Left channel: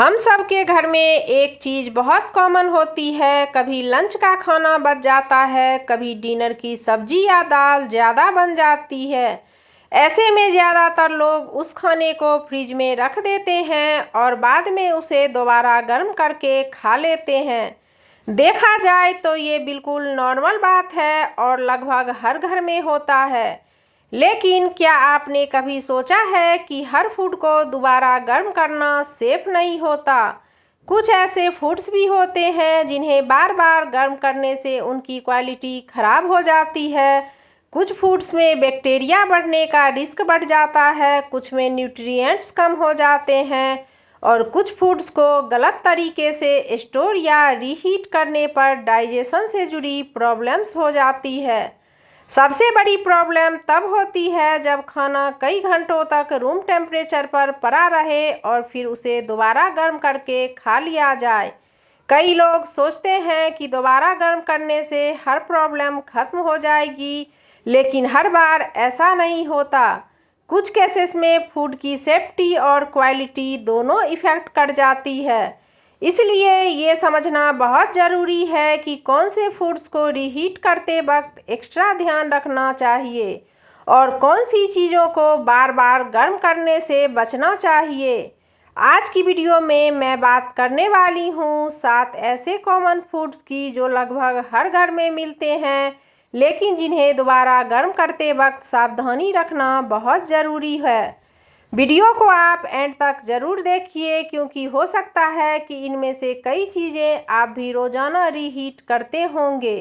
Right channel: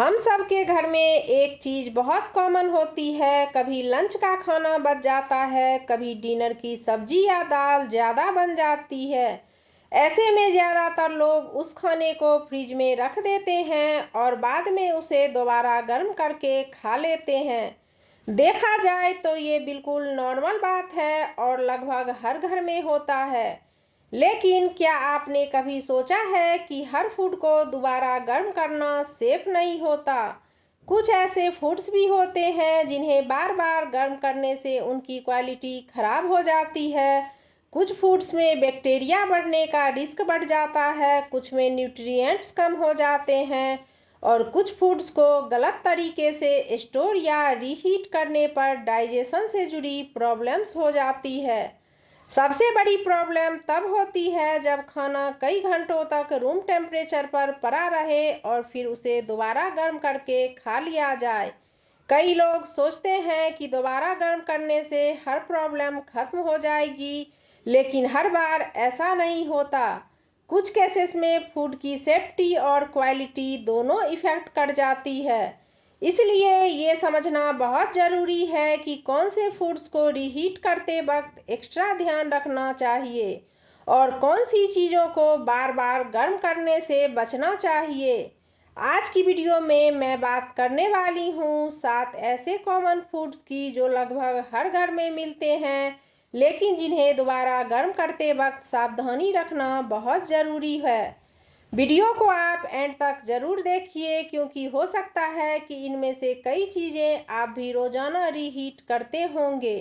हम सब के घर में एक चीज़ बहुत कॉमन होती है। कभी लंच का खाना बच जाता है, कभी डिनर की सब्जी या दाल ज़्यादा बन जाती है। ऐसे में ज़्यादातर लोग उस खाने को फ्रिज में रख देते हैं और बाद में उसे दोबारा गर्म करके खा लेते हैं। देखा जाए तो ये बिल्कुल नॉर्मल बात है और लगभग हर घर में होता है। लेकिन क्या आपने कभी सोचा है कि हर फूड को दोबारा गर्म करना सेफ नहीं होता? कुछ ऐसे फूड्स भी होते हैं जिन्हें बार बार गर्म करने से उनकी क्वालिटी खराब हो जाती है। कुछ फूड्स में बैक्टीरिया बढ़ने का रिस्क बढ़ जाता है, कुछ में न्यूट्रिएंट्स कम हो जाते हैं और कुछ फूड्स को गलत तरीके से स्टोर या रीहीट करने पर डाइजेशन से जुड़ी प्रॉब्लम्स हो जाती है। सबसे बड़ी प्रॉब्लम तब होती है जब खाना कई घंटों तक रूम टेम्परेचर पर पड़ा रहे और फिर उसे दोबारा गर्म करके खा लिया जाए। कई लोग सोचते हैं कि दोबारा गर्म करने से हर प्रॉब्लम खत्म हो जाएगी, लेकिन हर बार ऐसा नहीं होता। कुछ केसेस में फूड की सेफ्टी और क्वालिटी दोनों इफ़ेक्ट कर जाती है। इसलिए ये समझना बहुत ज़रूरी है कि कौन से फूड्स को रीहीट करते वक्त एक्स्ट्रा ध्यान रखना चाहिए और कौन सी चीज़ों को बार बार गर्म करने से बचना चाहिए। आज की वीडियो में मैं बात करने वाली हूँ 7 ऐसे कॉमन फूड्स की जो लगभग हर घर में मिलते हैं, लेकिन जिन्हें दोबारा गर्म करते वक्त सावधानी रखना बहुत ज़रूरी है। वीडियो को आप एंड तक ज़रूर देखिए, क्योंकि हो सकता है कि इनमें से कई चीज़ें आप भी रोज़ाना रीहीट करते होंगे।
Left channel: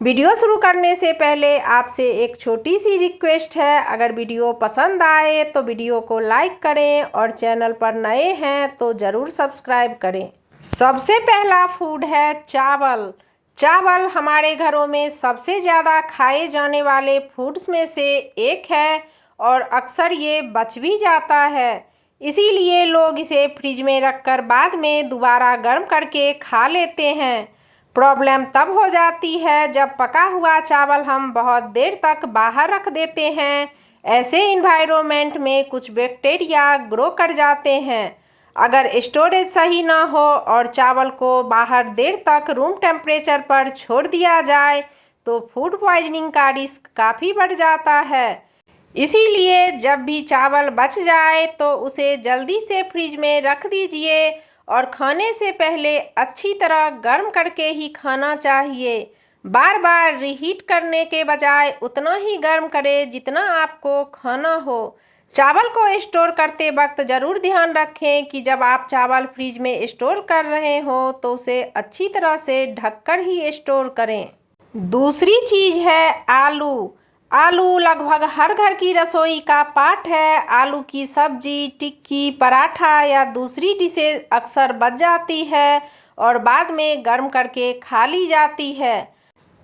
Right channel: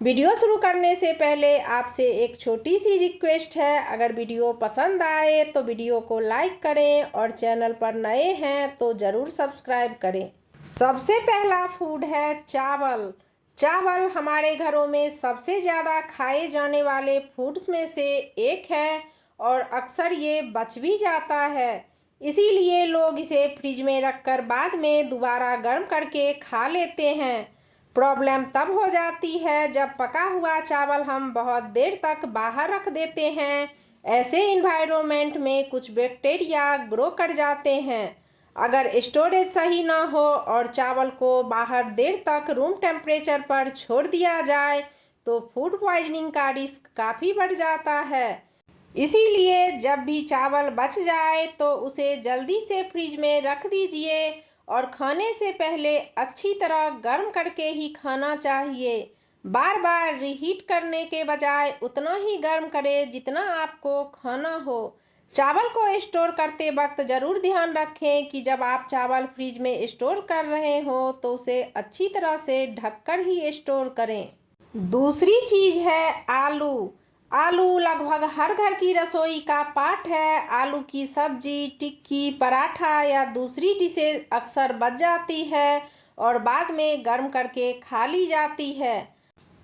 वीडियो शुरू करने से पहले आपसे एक छोटी सी रिक्वेस्ट है, अगर वीडियो पसंद आए तो वीडियो को लाइक करें और चैनल पर नए हैं तो ज़रूर सब्सक्राइब करें। सबसे पहला फूड है चावल। चावल हमारे घरों में सबसे ज़्यादा खाए जाने वाले फूड्स में से एक है और अक्सर ये बच भी जाता है। इसीलिए लोग इसे फ्रिज में रखकर बाद में दोबारा गर्म करके खा लेते हैं। प्रॉब्लम तब हो जाती है जब पका हुआ चावल हम बहुत देर तक बाहर रख देते हैं। ऐसे इन्वायरमेंट में कुछ बैक्टीरिया ग्रो कर जाते हैं। अगर स्टोरेज सही ना हो और चावल को बाहर देर तक रूम टेम्परेचर पर छोड़ दिया जाए तो फूड पॉइजनिंग का रिस्क काफ़ी बढ़ जाता है। इसीलिए जब भी चावल बच जाए तो उसे जल्दी से फ्रिज में रख दीजिए और खाने से पहले अच्छी तरह गर्म करके ही खाना चाहिए। बार बार रीहीट करने के बजाय उतना ही गर्म करें जितना आपको खाना हो। चावल को स्टोर करते वक्त ज़रूर ध्यान रखें कि जब आप चावल फ्रिज में स्टोर कर रहे हो तो उसे अच्छी तरह से ढककर ही स्टोर करें। दूसरी चीज़ है आलू। आलू लगभग हर घर की रसोई का पार्ट है। आलू की सब्जी, टिक्की, पराठा या दूसरी डिशेज अक्सर बच जाती है और बाद में गर्म करके खा ली जाती है।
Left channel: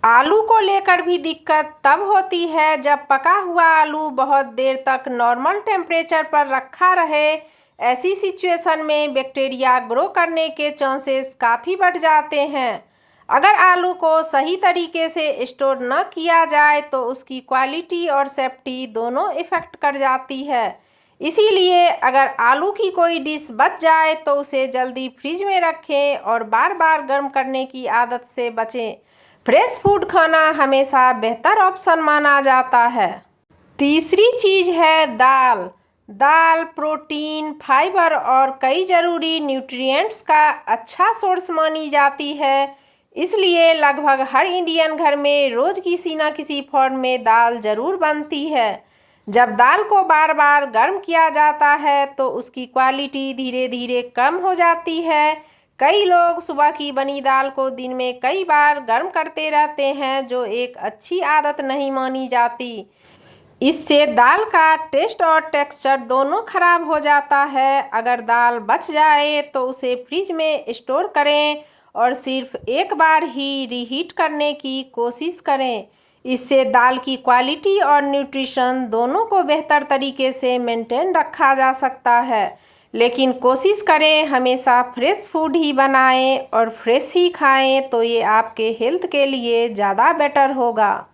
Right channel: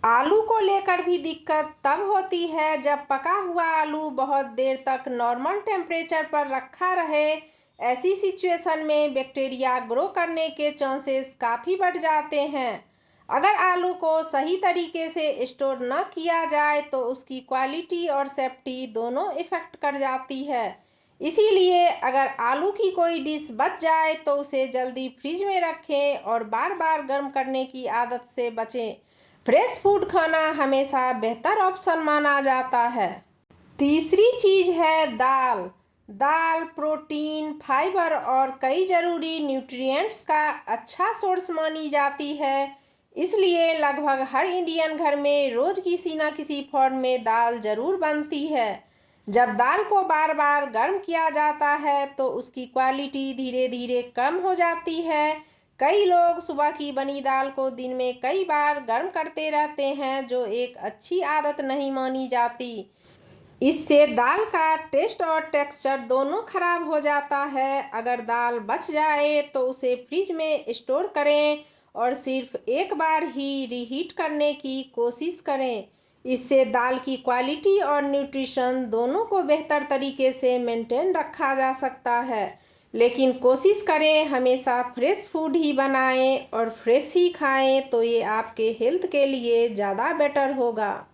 आलू को लेकर भी दिक्कत तब होती है जब पका हुआ आलू बहुत देर तक नॉर्मल टेम्परेचर पर रखा रहे। ऐसी सिचुएशन में बैक्टीरिया ग्रो करने के चांसेस काफ़ी बढ़ जाते हैं। अगर आलू को सही तरीके से स्टोर न किया जाए तो उसकी क्वालिटी और सेफ्टी दोनों इफ़ेक्ट कर जाती है। इसीलिए अगर आलू की कोई डिश बच जाए तो उसे जल्दी फ्रिज में रखें और बार बार गर्म करने की आदत से बचें। फ्रेश फूड खाना हमेशा बेहतर ऑप्शन माना जाता है। तीसरी चीज़ है दाल। दाल प्रोटीन, फाइबर और कई ज़रूरी न्यूट्रिएंट्स का अच्छा सोर्स मानी जाती है। इसलिए लगभग हर इंडियन घर में रोज़ किसी न किसी फॉर्म में दाल ज़रूर बनती है। जब दाल को बार बार गर्म किया जाता है तो उसकी क्वालिटी धीरे धीरे कम हो जाती है। कई लोग सुबह की बनी दाल को दिन में कई बार गर्म करते रहते हैं, जो एक अच्छी आदत नहीं मानी जाती। इससे दाल का टेस्ट और टेक्सचर दोनों खराब हो जाता है। अगर दाल बच जाए तो उसे फ्रिज में स्टोर करें और सिर्फ एक बार ही रीहीट करने की कोशिश करें। इससे दाल की क्वालिटी और न्यूट्रिशन दोनों को बेहतर तरीके से मेंटेन रखा जा सकता है। लेकिन कोशिश करें हमेशा फ्रेश फूड ही बनाएं और फ्रेश ही खाएं, तो ये आपके हेल्थ के लिए ज़्यादा बेटर होगा।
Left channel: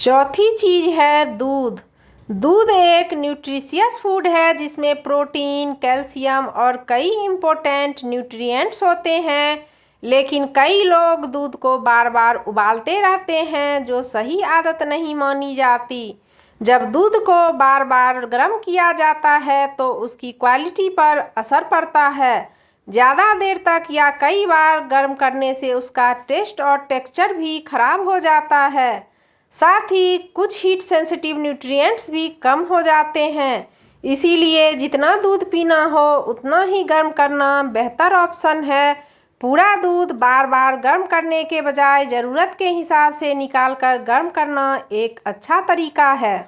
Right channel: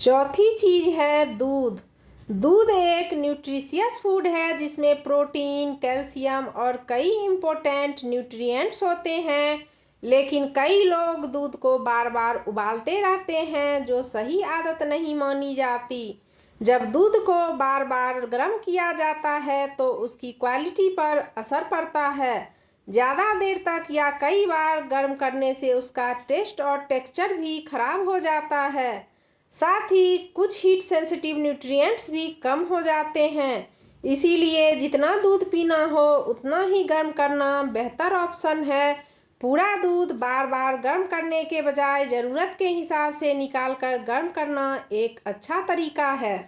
चौथी चीज़ है दूध। दूध एक न्यूट्रिशियस फूड है जिसमें प्रोटीन, कैल्शियम और कई इम्पोर्टेंट न्यूट्रिएंट्स होते हैं। लेकिन कई लोग दूध को बार बार उबालते रहते हैं, जो सही आदत नहीं मानी जाती। जब दूध को बार बार गर्म किया जाता है तो उसकी क्वालिटी पर असर पड़ता है। ज़्यादा देर तक या कई बार गर्म करने से उसका टेस्ट और टेक्सचर भी खराब हो जाता है। साथ ही कुछ हीट सेंसिटिव न्यूट्रिएंट्स भी कम हो जाते हैं। इसीलिए जितना दूध पीना हो उतना ही गर्म करना बेहतर ऑप्शन है। पूरा दूध बार बार गर्म करने के बजाय ज़रूरत के हिसाब से निकालकर गर्म करना एक अच्छा तरीका है।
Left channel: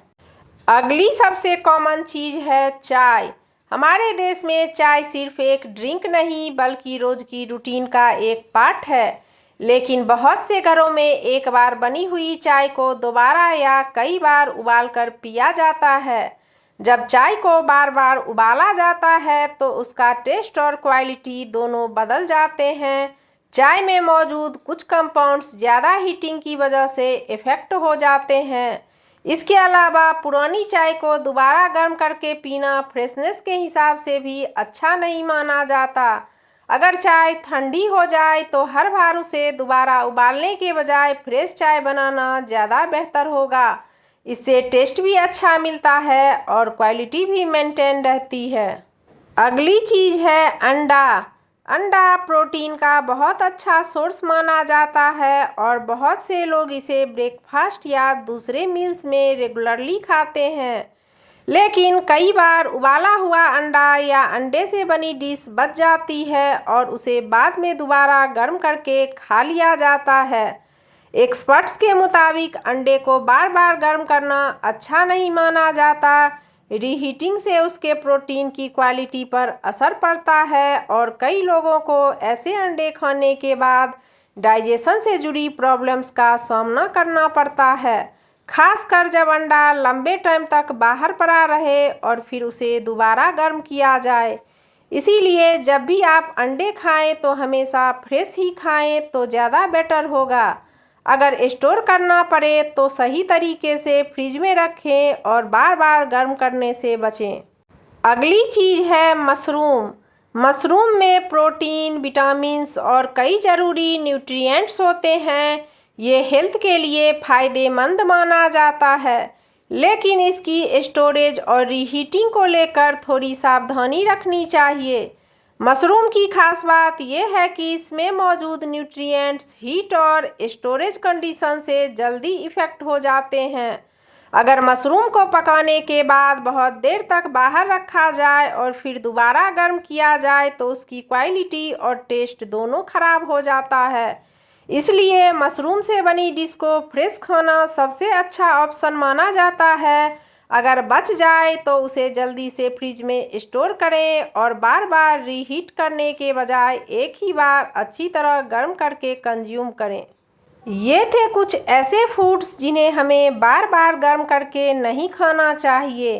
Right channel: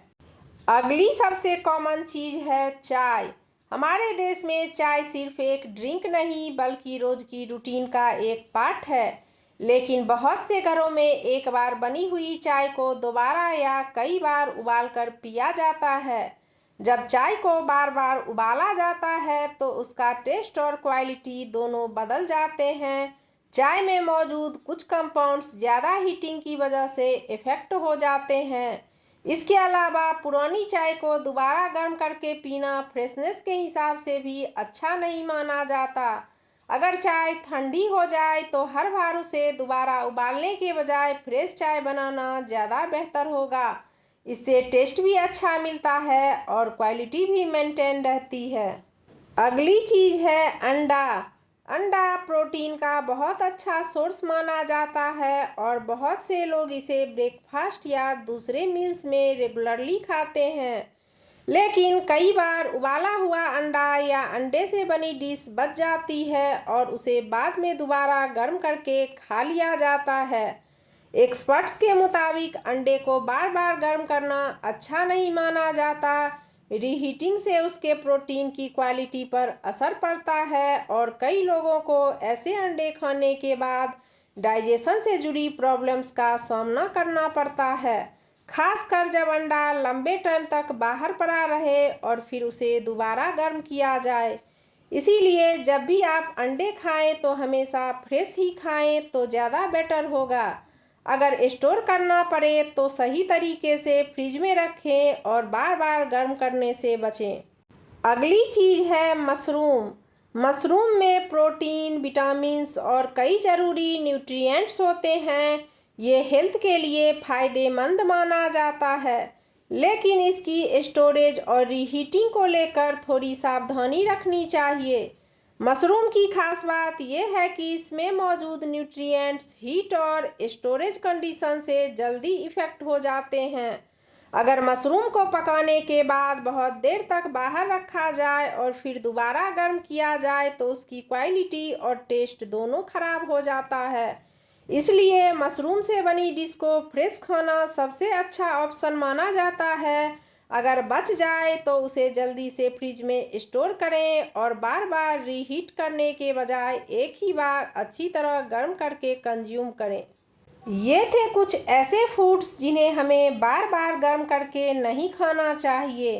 अगली सबसे कॉमन चीज़ है चाय। हमारे देश में चाय सिर्फ एक ड्रिंक नहीं बल्कि रोज़ की रूटीन का एक पार्ट है। लेकिन बहुत से घरों में एक बार बनी हुई चाय को दोबारा या कई बार उबालकर पिया जाता है। जब चाय को बार बार उबाला जाता है तो उसका टेस्ट और क्वालिटी दोनों बदल जाते हैं। चाय में मौजूद कुछ कंपाउंड्स ज़्यादा हीटिंग की वजह से इफ़ेक्ट हो जाते हैं। इसके अलावा पुरानी चाय को दोबारा गर्म करके पीना फ्रेशनेस के हिसाब से भी अच्छा नहीं माना जाता। अगर चाय ठंडी हो जाए तो हर बार उसे दोबारा उबालने के बजाय फ्रेश चाय बनाना ज़्यादा बेहतर होगा। इससे टेस्ट भी अच्छा मिलता है और क्वालिटी भी मेंटेन रहती है। अगली चीज़ है अंडा। अंडा प्रोटीन का बहुत अच्छा सोर्स माना जाता है और बहुत से लोग इसे ब्रेकफास्ट या दूसरे मील्स में रेगुलरली खाते हैं। लेकिन कई बार उबाला हुआ अंडा या अंडे से बनी डिश बच जाती है और उसे बाद में दोबारा गर्म करके खा लिया जाता है। एक्सपर्ट्स के मुताबिक अंडे को बार बार गर्म करना अच्छा नहीं माना जाता। रीहीटिंग से उसके प्रोटीन की क्वालिटी पर असर पड़ता है और कई लोगों को ऐसे अंडे खाने के बाद डाइजेशन से जुड़ी प्रॉब्लम्स का सामना करना पड़ता है, खासकर जब अंडा लंबे टाइम तक बाहर पड़ा रहे और फिर उसे दोबारा गर्म किया जाए। इसीलिए जब भी आप अंडे खाएं तो हमेशा फ्रेश ही खाएं तो ज़्यादा बेटर होगा। अगर स्टोर करना पड़े तो सही तरीके से फ्रिज में रखें और बार बार गर्म करने से बचें। अगली चीज़ है मशरूम। मशरूम में प्रोटीन, विटामिन्स और कई ज़रूरी न्यूट्रिएंट्स होते हैं। ये हेल्थ के लिए फ़ायदेमंद माना जाता है, लेकिन इसकी स्टोरेज और रीहीटिंग को लेकर थोड़ी सावधानी रखनी चाहिए। मशरूम की खास बात यह है कि इसमें मौजूद न्यूट्रिएंट्स हीट और स्टोरेज कंडीशन से जल्दी इफ़ेक्ट हो जाते हैं। अगर मशरूम को पकाने के बाद बहुत देर तक बाहर रखा जाए और फिर दोबारा गर्म किया जाए तो उसकी क्वालिटी और टेस्ट दोनों खराब हो जाता है। इसलिए मशरूम से बनी डिश को फ्रेश खाना सबसे अच्छा ऑप्शन माना जाता है। अगर बच जाए तो उसे जल्दी से फ्रिज में स्टोर करें और बार बार रीहीट करने के बजाय एक ही बार अच्छी तरह गर्म करके कंज्यूम करें। ये थे कुछ ऐसे फूड्स जिन्हें हमें बार बार गर्म करके नहीं खाना चाहिए।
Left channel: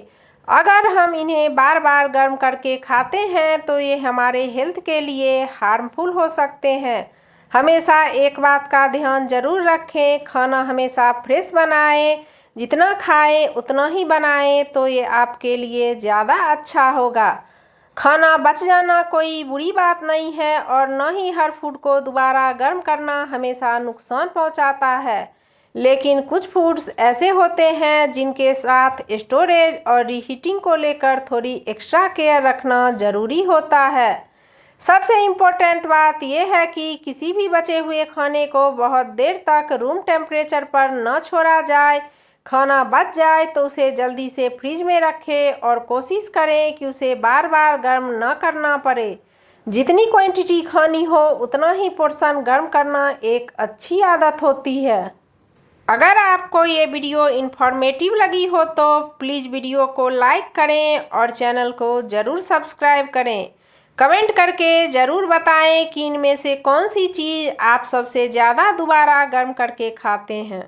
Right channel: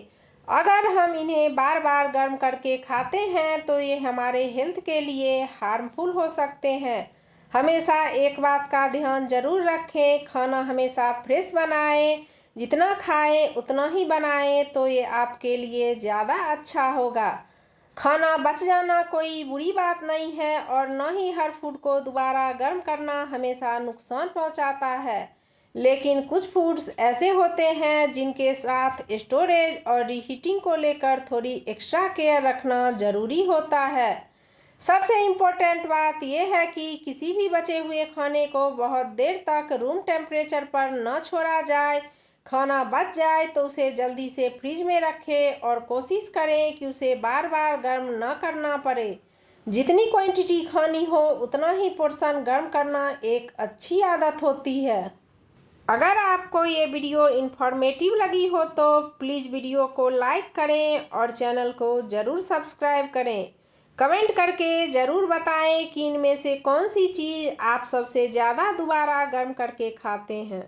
अगर हम इन्हें बार बार गर्म करके खाते हैं तो ये हमारे हेल्थ के लिए हार्मफुल हो सकते हैं। हमेशा एक बात का ध्यान ज़रूर रखें, खाना हमेशा फ्रेश बनाएं। जितना खाएं उतना ही बनाएं तो ये आपके लिए ज़्यादा अच्छा होगा। खाना बच जाना कोई बुरी बात नहीं है और न ही हर फूड को दोबारा गर्म करना हमेशा नुकसान पहुंचाता है। लेकिन कुछ फूड्स ऐसे होते हैं जिनके साथ स्टोरेज और रीहीटिंग को लेकर थोड़ी एक्स्ट्रा केयर रखना ज़रूरी होता है। सबसे इम्पोर्टेंट बात यह है कि किसी भी बचे हुए खाने को बहुत देर तक रूम टेम्परेचर पर न छोड़ा जाए। खाना बच जाए तो उसे जल्दी से फ्रिज में रखें और कोशिश करें कि उसे बार बार गर्म न करना पड़े। जितनी क्वांटिटी खानी हो उतना ही पोर्शन गर्म करना एक अच्छी आदत होती है। अगर आपको ये वीडियो इन्फॉर्मेटिव लगी हो तो प्लीज़ वीडियो को लाइक करें और चैनल को ज़रूर सब्सक्राइब करें। कमेंट करके ज़रूर बताएं कि इनमें से कौन सी चीज़ आप सबसे ज़्यादा दोबारा गर्म करके खाते हैं।